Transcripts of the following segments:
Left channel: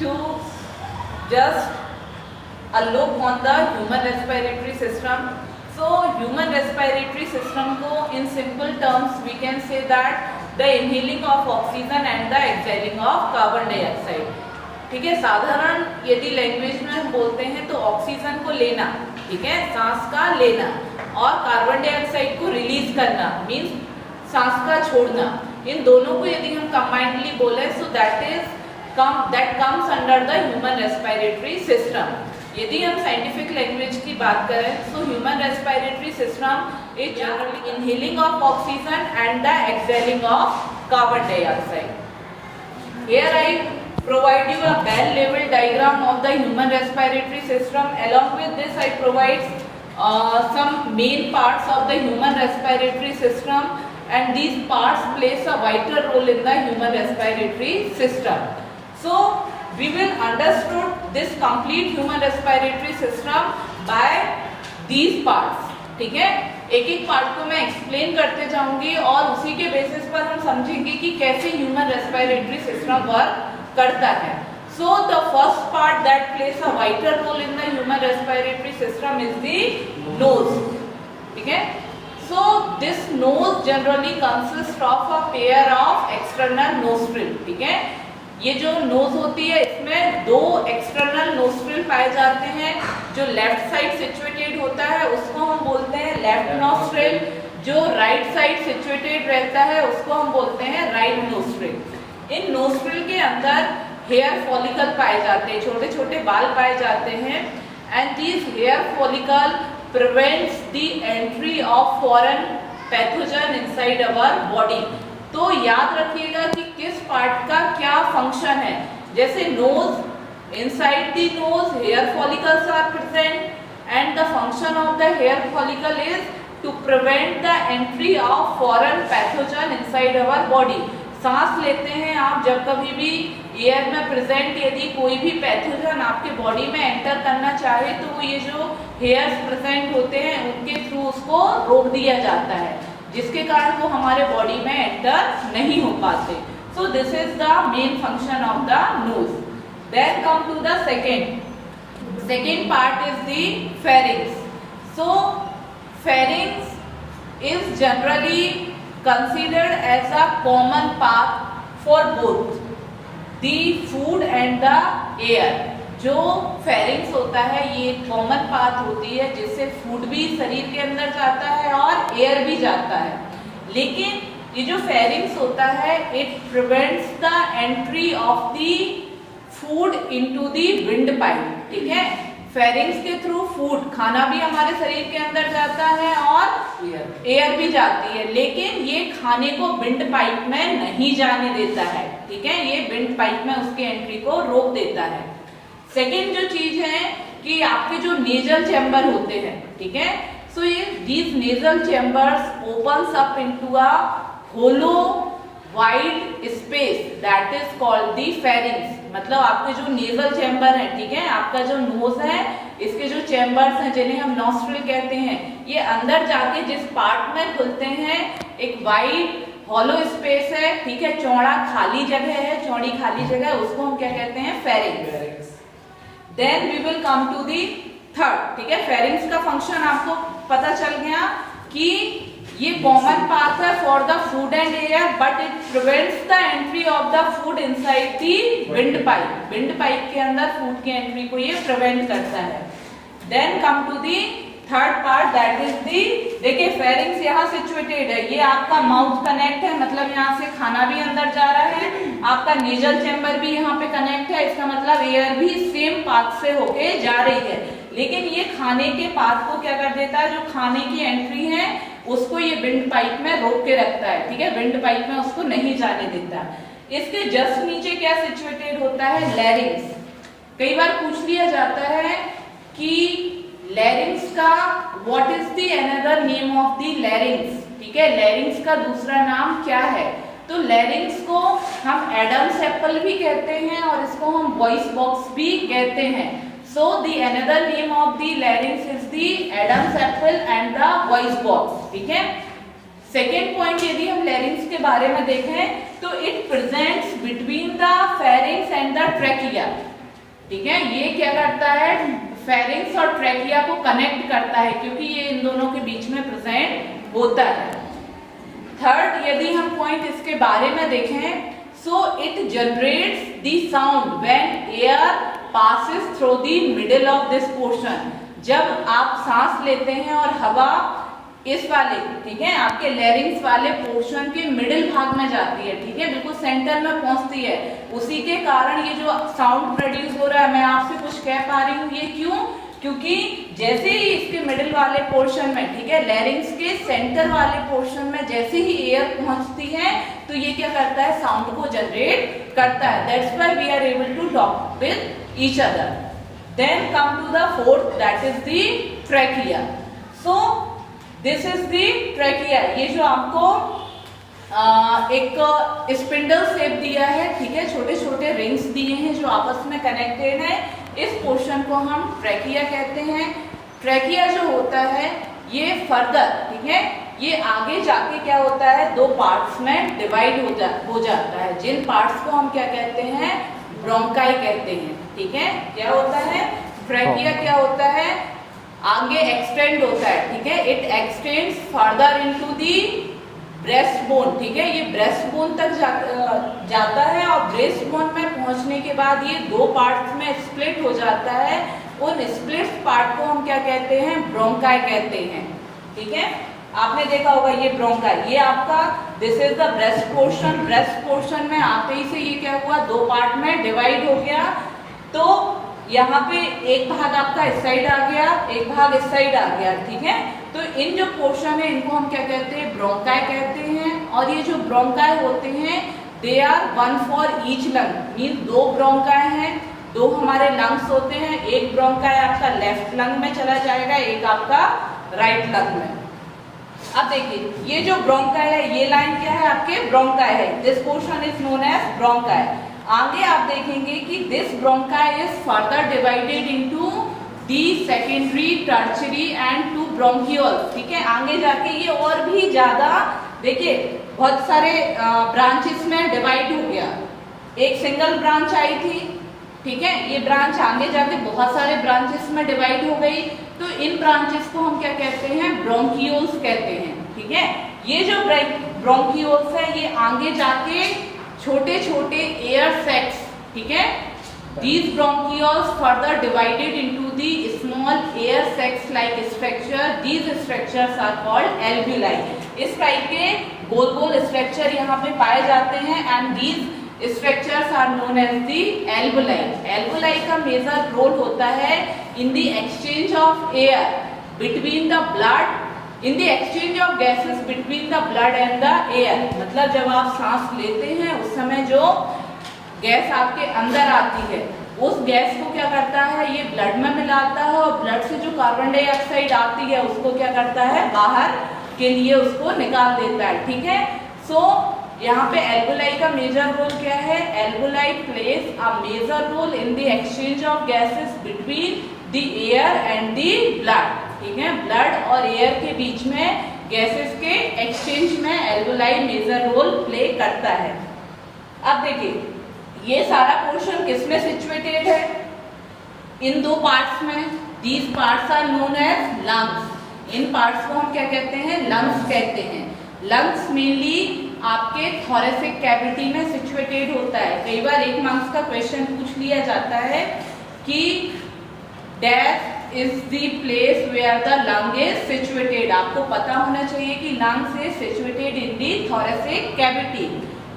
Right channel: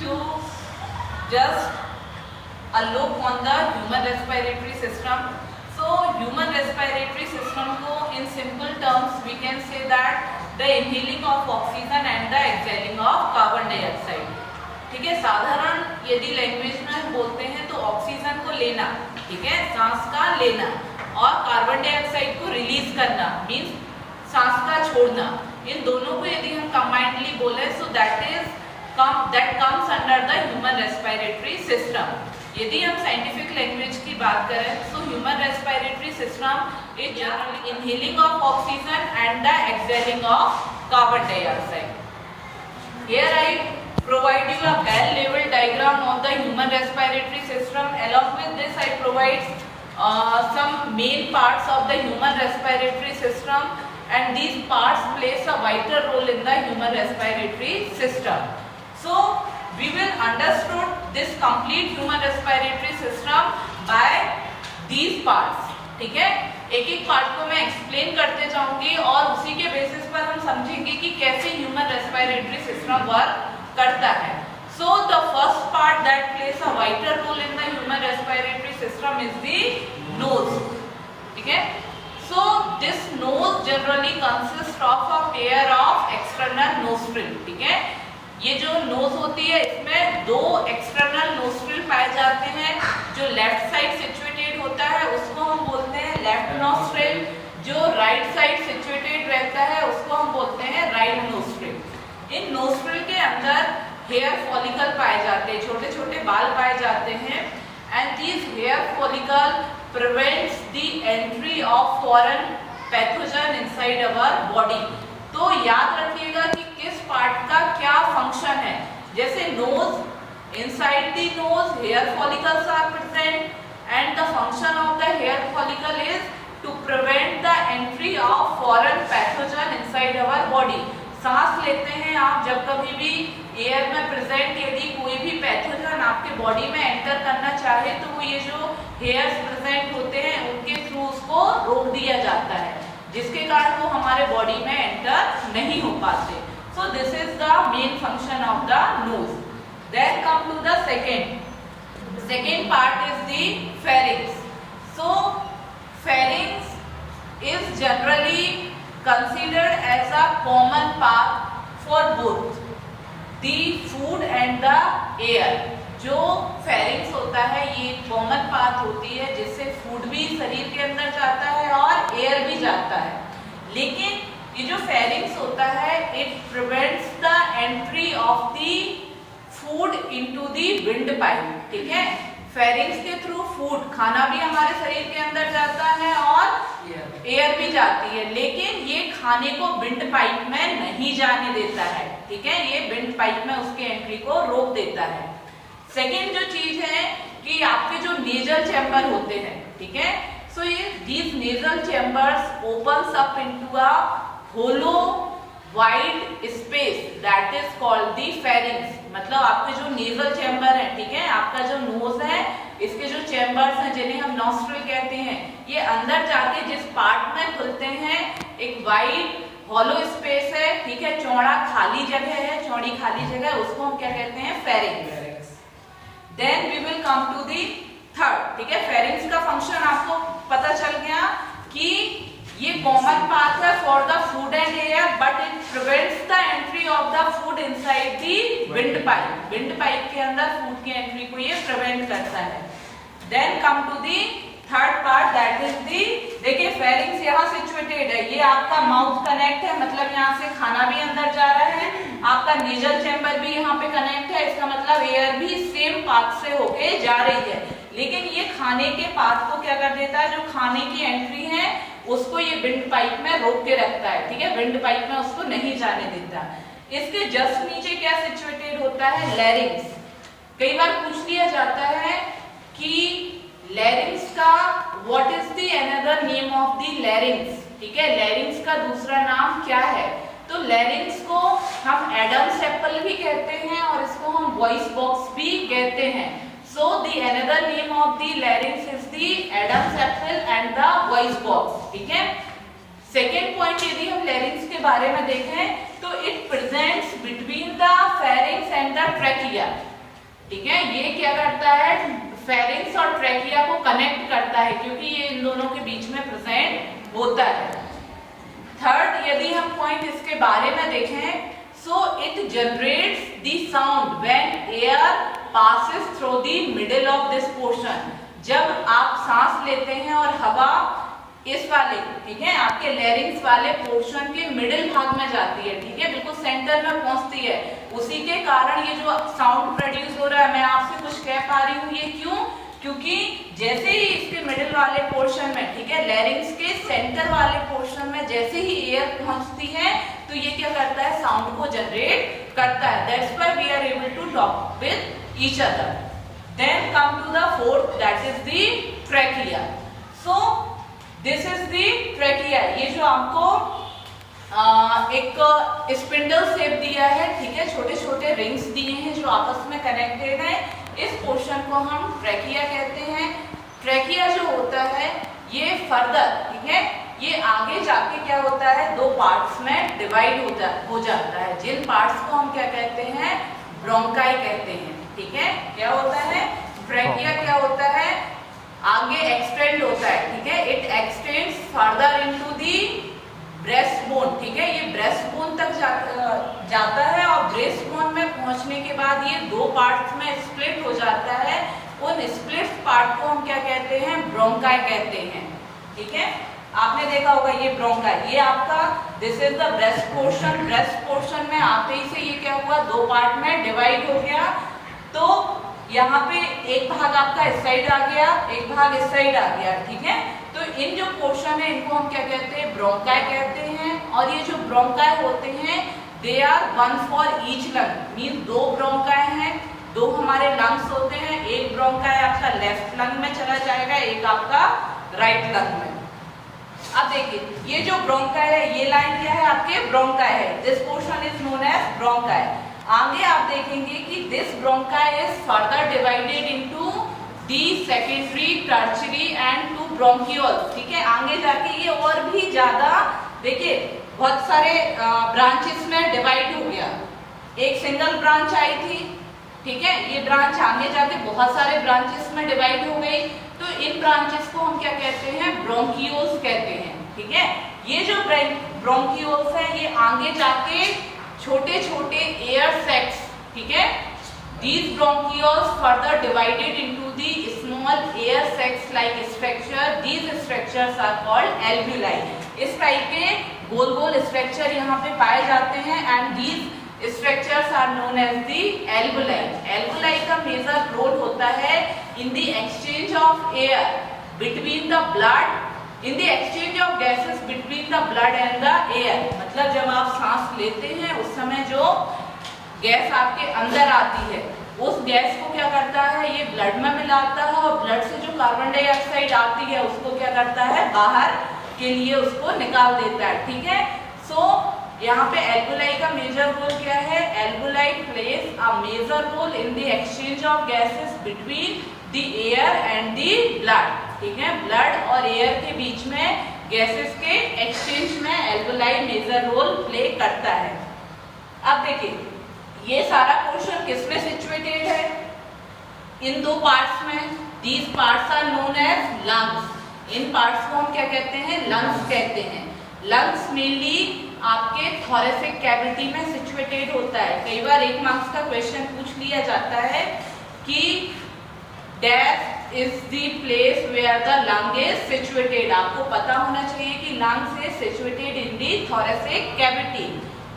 to just a look on the human respiratory system. So human respiratory system को in simple terms we can say that the inhaling of oxygen and the exhaling of carbon dioxide. ठीक है, साधारण यदि language में हम बोलते हैं तो ऑक्सीजन को लेना, ठीक है, सांस का लेना, और कार्बन डाइऑक्साइड को रिलीज करना मीन्स सांस का छोड़ना, इन दोनों को यदि हम कंबाइंडली बोले so that comes under the human respiratory system. यदि हम साइंटिफिक लैंग्वेज की बात करें so human respiratory system is generally inhaling of oxygen and the exhaling of carbon dioxide. Here I provide you a well-level diagram of the human respiratory system. Along with this, I provide some main parts of the human respiratory system, and these parts plays a vital role in the human respiratory system. So, we will understand this complete human respiratory system by these parts. ठीक है, एक एक part को मैं explain करते जाऊंगी और उसी के बेसिस पर हम समझेंगे कि कैसे ह्यूमन रेस्पिरेटरी सिस्टम वर्क करता है. So the first part that plays a vital role in the human respiratory system is the nose. ठीक है, so this nose generally consist of a pair of external nostril. ठीक है, ये जो knows होती है इसमें दो एक्सटर्नल नोस्ट्रिल पाए जाते हैं. जो लेफ्ट साइड सिचुएटेड होता है उसको हम बोलते हैं लेफ्ट नोस्ट्रिल, जो राइट साइड सिचुएटेड रहता है उसको हम बोलते हैं राइट नोस्ट्रिल. इन नोस्ट्रिल के अंदर हेयर फॉलिकल पाए जाते हैं, छोटे छोटे बाल पाए जाते हैं, and this hair follicle prevents the entry of foreign pathogen inside our body. तो याद रखिएगा कि किस पार्ट का क्या फंक्शन है. जैसे knows, inside the nose hair follicles are present and the function of the hair follicle is to prevent the entry of foreign pathogen inside our body. सांस लेते हैं आप जब कभी भी एयर में प्रेजेंट यदि कोई भी पैथोजन आपके बॉडी में एंटर करना चाहे तो ये जो हेयर्स प्रेजेंट होते हैं उनके थ्रू उसको रोक दिया जाता है, जिसके कारण वो हमारे बॉडी में एंटर नहीं हो पाते. सो this is the main function of the nose. Then come to the second part is the pharynx. So pharynx is generally considered as a common path for both the food and the air. जो pharynx होता है ये common path होती है जिससे food भी शरीर के अंदर जाता है और एयर भी जाता है. लेकिन ये जो pharynx होता है it prevents the entry of the food into the wind pipe. ठीक है, फेरिंग्स के थ्रू फूड खाना भी हमारे शरीर के अंदर जाता है और एयर भी जाती है, लेकिन ये खाने को विंड पाइप में नहीं जाने देता है. ठीक है, ये विंड पाइप में उसके एंट्री को रोक देता है. सेकेंड जो चीज है कि आपके जो नेजल चैम्बर होते हैं, ठीक है, सो ये these nasal chambers opens up into a hollow wide space that is called the pharynx. मतलब आपके जो नेजल चैम्बर है, ठीक है, आपका जो नोज है इसके जो चैम्बर्स हैं जिन्हें हम नॉस्ट्रिल कहते हैं, ये अंदर जाके जिस पार्ट में खुलते हैं एक वाइड हॉलो स्पेस है. ठीक है, चौड़ा खाली जगह है, चौड़ी खाली जगह, उसको हम क्या कहते हैं, pharynx. Then we will come to the third. ठीक है, फेरिंग्स का फंक्शन आपको पता चल गया कि ये कॉमन पाथ है for the food and air, but it prevents the entry of the food inside the wind pipe. Wind pipe के अंदर फूड की एंट्री को ये प्रिवेंट करता है. Then come to the third part that is the, देखिए pharynx यहाँ situated है, ये आपका माउथ कनेक्ट है, मतलब यहाँ से खाना भी अंदर जा रहा है, आपका नेजल चैम्बर भी यहाँ पे कनेक्ट है, इसका मतलब एयर भी सेम पाथ से होके जा रही है. लेकिन ये खाने के पाथ को क्या कर देता है, जो खाने की एंट्री है उसको ये विंड पाइप में रोक के रखता है. ठीक है, विंड पाइप में उसको नहीं जाने देता. इसके जस्ट नीचे क्या सिचुएटेड होता है, लैरिंग्स. कई बार पूछ लिया जाता है कि लैरिंग्स का what is the another name of the larynx. ठीक है, लैरिंग्स का दूसरा नाम क्या है. तो लैरिंग्स को हम एडम्स एप्पल भी कहते हैं और इसको हम वॉइस बॉक्स भी कहते हैं. So the another name of the larynx is the Adam's apple and the voice box. ठीक है, सेकेंड पॉइंट यदि हम लैरिंग्स के बारे में देखें तो it presents between the pharynx and the trachea, ठीक है। ये क्या करता है, फेरिंग्स और ट्रैकिया को कनेक्ट करता है, क्योंकि ये इन दोनों के बीच में प्रेजेंट होता है। थर्ड, यदि हम पॉइंट इसके बारे में देखें, so it generates the sound when air passes through the middle of this portion. जब आप सांस लेते हैं और हवा इस वाले, ठीक है, आपके लैरिंग्स वाले पोर्शन के मिडिल भाग में जाती है, ठीक है, बिल्कुल सेंटर में पहुंचती है, उसी के कारण ये जो साउंड प्रोड्यूस हो रहा है, मैं आपसे कुछ कह पा रही हूँ, ये क्यों, क्योंकि जैसे ही इसके मिडिल वाले पोर्शन में, ठीक है, लैरिंग्स के सेंटर वाले पोर्शन में जैसे ही एयर पहुंचती है, तो ये क्या करता है, साउंड को जनरेट करता है। That's why we are able to talk with each other. Then come to the fourth, that is the trachea. So this is the trachea. ये जो आपको एक स्पिंडल शेप दिया है, ठीक है, छोटे छोटे रिंग्स दिए हैं जो आपस में कनेक्टेड है, इस पोर्शन को हम ट्रैकिया कहते हैं। ट्रैकिया जो होता है ये फर्दर, ठीक है, ये आगे जाके क्या होता है, दो पार्ट्स में डिवाइड हो जाता है, जिन पार्ट्स को हम क्या कहते हैं, ब्रोंकाई कहते हैं, ठीक है। क्या होता है, ट्रैकिया क्या होता है, आगे एक्सटेंड होता है, ठीक है, it extends further into the breast bone, ठीक है, ये ब्रेस्ट बोन तक जाता है और ब्रेस्ट बोन में पहुंचने के बाद ये दो पार्ट्स में स्प्लिट हो जाता है। उन स्प्लिट पार्ट को हम क्या कहते हैं, ब्रोंकाई कहते हैं, ठीक है। आपने देखा होगा ये ब्रोंकाई, ये आपका this is the breast portion. Breast portion में आते ही से ये क्या हुआ, दो पार्ट में डिवाइड हो गया, तो यहाँ पे एक भाग आपका इस साइड आ गया, एक भाग इस साइड आ गया, ठीक है। तो इन जो पोर्शन है इनको हम क्या कहते हैं, ब्रोंकाई कहते हैं। और ये जो ब्रोंकाई होते हैं, they are one for each lung, mean दो ब्रोंकाई हैं, दो हमारे लंग्स होते हैं, एक ब्रोंकाई आपका लेफ्ट लंग में चला जाएगा, एक आपका राइट लंग में। अब देखिए ये जो ब्रोंकाई है, ये लाइन क्या है, आपके ब्रोंकाई है, this portion is known as bronchi. आगे आप देखेंगे कि this bronchi is further divided into the secondary, tertiary and to bronchioles, ठीक है। आगे जाके ये और भी ज्यादा, देखिए बहुत सारे ब्रांचेस में डिवाइड हो गया, एक सिंगल ब्रांच आई थी, ठीक है, ये ब्रांच आगे जाके बहुत सारे ब्रांचेस में डिवाइड हो गई, तो इन ब्रांचेस को हम क्या कहते हैं, ब्रोंकियोल्स कहते हैं, ठीक है। ये जो ब्रोंकियोल्स है ये आगे जाके छोटे छोटे एयर सैक्स, ठीक है, these bronchioles further divided into the small air sacs like structure, these structures are called alveoli। इस टाइप के गोल गोल स्ट्रक्चर यहाँ पे पाए जाते हैं, and these structures are known as the alveoli। alveoli का मेजर रोल होता है in the exchange of air between the blood, in the exchange of gases between the blood and the air। मतलब जब आप सांस लेते हैं उस समय जो गैस आपके अंदर आती है, उस गैस को क्या करता है, ये ब्लड में मिलाता है, और ब्लड से जो कार्बन डाइऑक्साइड आती है उसको क्या करता है, बाहर के लिए उसको निकाल देता है, ठीक है। सो यहाँ पे एल्वेओलाई का मेजर रोल क्या है, alveoli plays a major role in the exchange of gases between the air and the blood, ठीक है। ब्लड और एयर के बीच में गैसेस के एक्सचेंज में एल्वेओलाई मेजर रोल प्ले करता है। अब देखिए ये सारा पोर्शन किसमें सिचुएटेड है, इन दो पार्ट्स में। These parts are known as lungs. इन पार्ट्स को हम क्या कहते हैं, लंग्स कहते हैं। लंग्स मेनली आपके थोरेसिक कैविटी में सिचुएटेड होता है। कई बार एक मार्क्स का क्वेश्चन पूछ लिया जाता है कि that is the place where the lung is situated. आपको पता होना चाहिए कि lungs is situated in the thoracic cavity.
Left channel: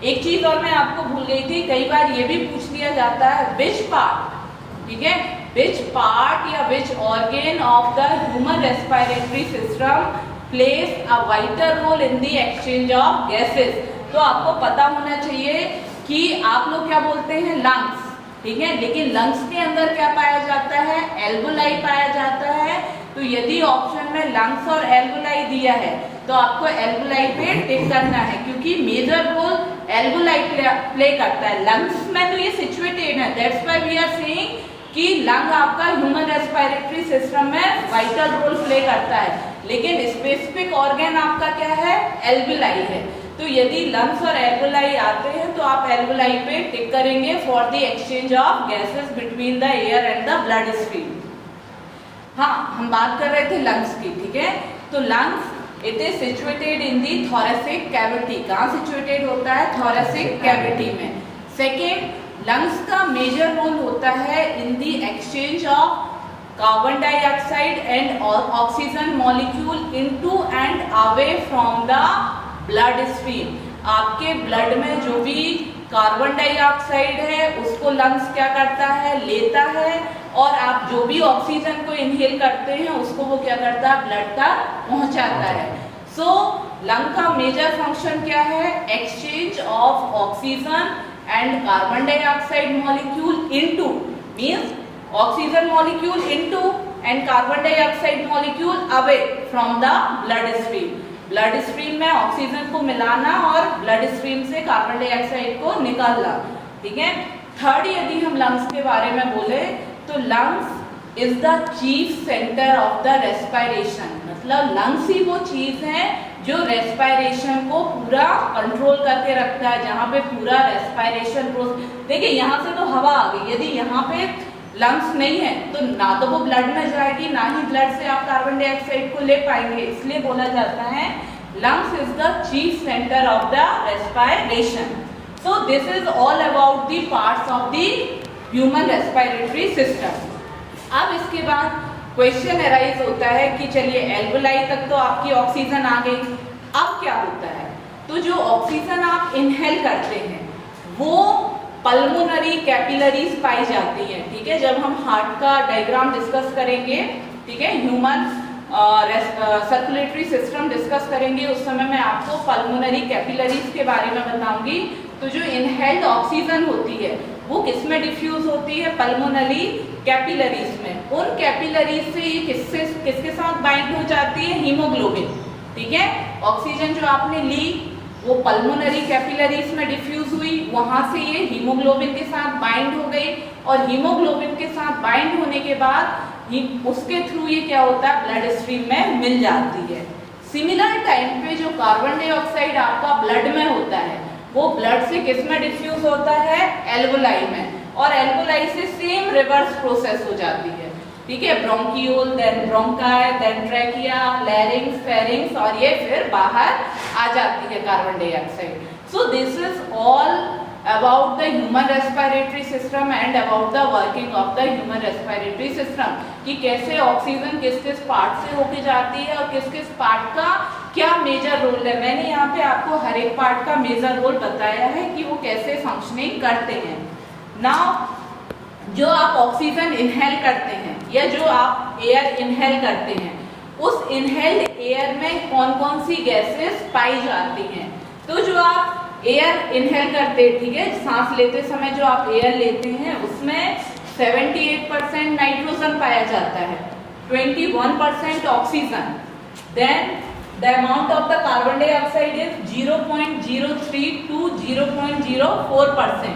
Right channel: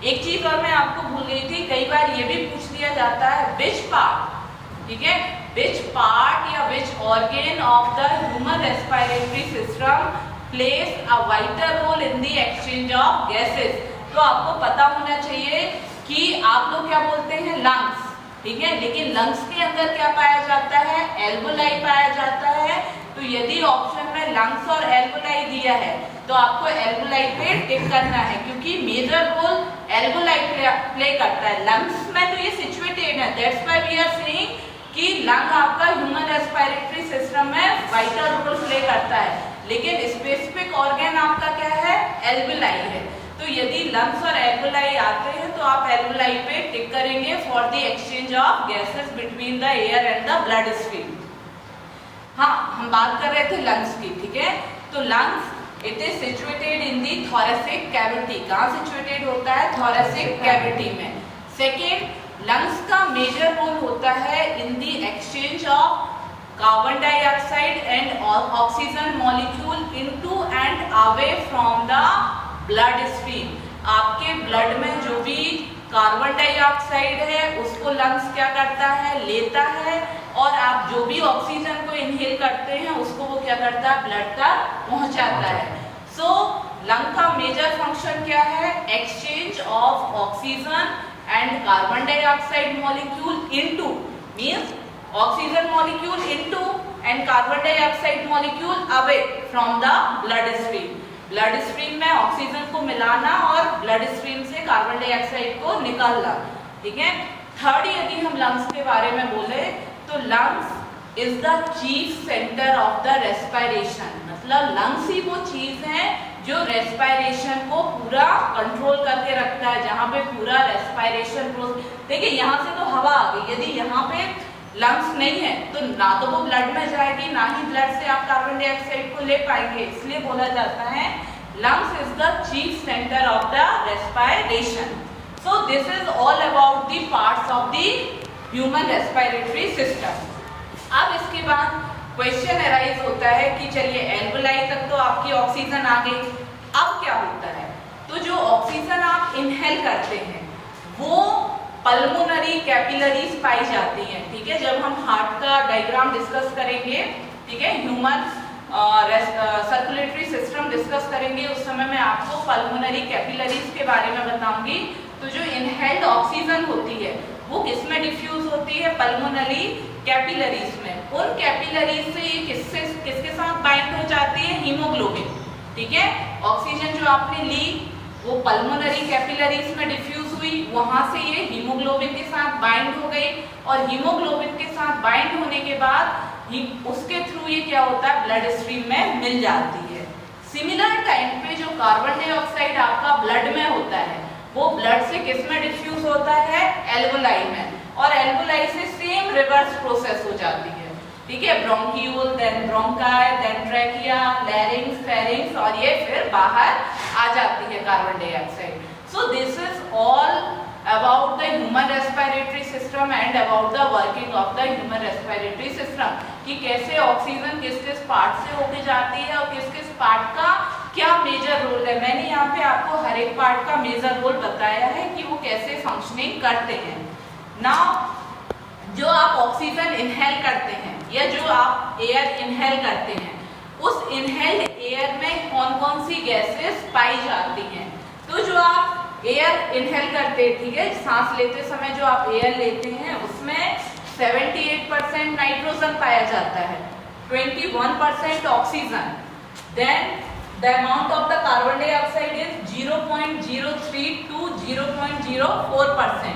एक चीज और मैं आपको भूल गई थी, कई बार ये भी पूछ लिया जाता है विच पार्ट, ठीक है, विच पार्ट या which organ of the human respiratory system plays a vital role in the exchange of gases. तो आपको पता होना चाहिए कि आप लोग क्या बोलते हैं, लंग्स, ठीक है, लेकिन लंग्स के अंदर क्या पाया जाता है, एल्वेओलाई पाया जाता है। तो यदि ऑप्शन में लंग्स और एल्वेओलाई दिया है तो आपको एल्वेओलाई पे टिक करना है, क्योंकि मेजर रोल एल्वेओलाई प्ले करता है। लंग्स में तो ये सिचुएटेड है, that's why we are saying कि लंग आपका ह्यूमन रेस्पिरेटरी सिस्टम में वाइटल रोल प्ले करता है, लेकिन स्पेसिफिक ऑर्गन आपका क्या है, एल्वेओलाई है। तो यदि लंग्स और एल्वोलाई आते हैं तो आप एल्वोलाई पे टिक करेंगे for the exchange of gases between the air and the blood stream. हाँ, हम बात कर रहे थे लंग्स की, ठीक है। तो lungs it is situated in the thoracic cavity. कहाँ सिचुएटेड होता है? थोरेसिक कैविटी में। सेकेंड, लंग्स का मेजर रोल होता है in the exchange of carbon dioxide and oxygen molecule into and away from the blood stream. आपके blood में जो भी कार्बन डाइऑक्साइड है उसको लंग्स क्या करता है? लेता है, और आप जो भी ऑक्सीजन को इनहेल करते हैं उसको वो क्या करता है? ब्लड तक पहुंचाता है। सो लंग का मेजर फंक्शन क्या है? Exchange of oxygen and carbon dioxide molecule into, means oxygen molecule into and carbon dioxide molecule away from the blood stream. Blood stream में ऑक्सीजन को मिलाना और ब्लड स्ट्रीम से कार्बन डाइऑक्साइड को निकालना, ठीक है। थर्ड, यदि हम लंग्स के बारे में बोले तो lungs is the chief centre of the respiration. मतलब लंग्स ही वो चीज है जो रेस्पिरेशन को पूरा कंट्रोल करके रखता है, जहाँ पे पूरा रेस्पिरेशन प्रोसेस। देखिए यहाँ से तो हवा आ गई, यदि यहाँ पे लंग्स नहीं है तो ना तो वो ब्लड में जाएगी, ना ही ब्लड से आप कार्बन डाइऑक्साइड को ले पाएंगे। इसलिए बोला जाता है lungs is the chief centre of the respiration. So this is all about the parts of the human respiratory system. अब इसके बाद क्वेश्चन अराइज होता है कि चलिए एल्वोलाई तक तो आपकी ऑक्सीजन आ गई, अब क्या होता है? तो जो ऑक्सीजन आप इनहेल करते हैं वो पल्मोनरी कैपिलरीज पाई जाती है, ठीक है। जब हम हार्ट का डायग्राम डिस्कस करेंगे, ठीक है, ह्यूमन सर्कुलेटरी सिस्टम डिस्कस करेंगे, उस समय मैं आपको पल्मोनरी कैपिलरीज के बारे में बताऊंगी। तो जो इनहेल्ड ऑक्सीजन होती है वो किसमें डिफ्यूज होती है? पल्मोनरी कैपिलरीज में। उन कैपिलरीज से ये किसके साथ बाइंड हो जाती है? हीमोग्लोबिन, ठीक है। ऑक्सीजन जो आपने ली वो पल्मोनरी कैपिलरीज में डिफ्यूज हुई, वहां से ये हीमोग्लोबिन के साथ बाइंड हो गई, और हीमोग्लोबिन के साथ बाइंड होने के बाद उसके थ्रू ये क्या होता है? ब्लड स्ट्रीम में मिल जाती है। सिमिलर टाइम पे जो कार्बन डाइऑक्साइड आपका ब्लड में होता है वो ब्लड से किस में डिफ्यूज होता है? एल्वोलाई में, और एल्वोलाई से सेम रिवर्स प्रोसेस हो जाती है, ठीक है। Bronchiole, then bronchi, then trachea, larynx, pharynx, और ये फिर बाहर आ जाती है carbon dioxide. So this is all about the human respiratory system and about the working of the human respiratory system, कि कैसे ऑक्सीजन किस किस पार्ट से होके जाती है और किस किस पार्ट का क्या मेजर रोल है। मैंने यहाँ पे आपको हर एक पार्ट का मेजर रोल बताया है कि वो कैसे फंक्शनिंग करते हैं। नाउ जो आप ऑक्सीजन इनहेल करते हैं या जो आप एयर इनहेल करते हैं, उस इनहेल्ड एयर में कौन कौन सी गैसेस पाई जाती हैं? तो जो आप एयर इनहेल करते हैं, ठीक है, सांस लेते समय जो आप एयर लेते हैं उसमें 78% नाइट्रोजन पाया जाता है, 21% oxygen, then the amount of the carbon dioxide is 0.03 to 0.04%,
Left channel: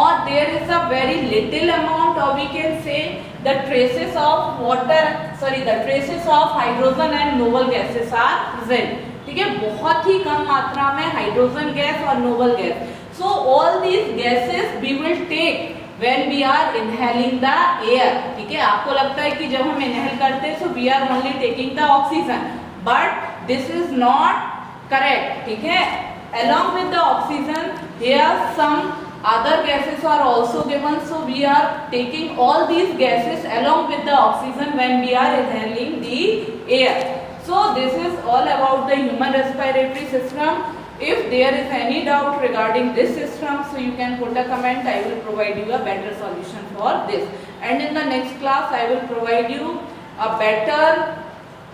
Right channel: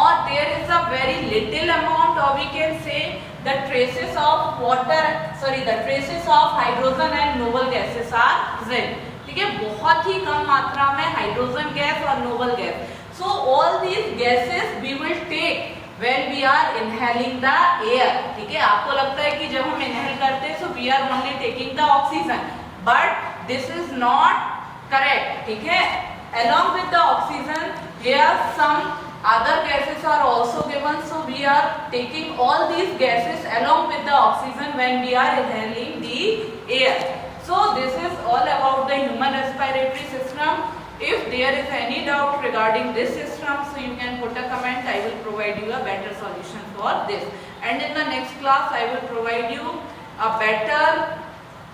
और there is a very little amount, और we can say the traces of water, sorry the traces of hydrogen and noble gases are present, ठीक है। बहुत ही कम मात्रा में hydrogen gas और noble gas. So all these gases we will take when we are inhaling the air, ठीक है। आपको लगता है कि जब हम इनहेल करते हैं so we are only taking the oxygen, but this is not correct, ठीक है। along with the oxygen here some other gases are also given, so we are taking all these gases along with the oxygen when we are inhaling the air. So this is all about the human respiratory system. If there is any doubt regarding this system, so you can put a comment. I will provide you a better solution for this, and in the next class I will provide you a better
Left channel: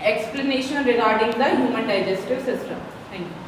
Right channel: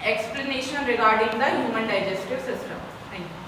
explanation regarding the human digestive system. Thank you.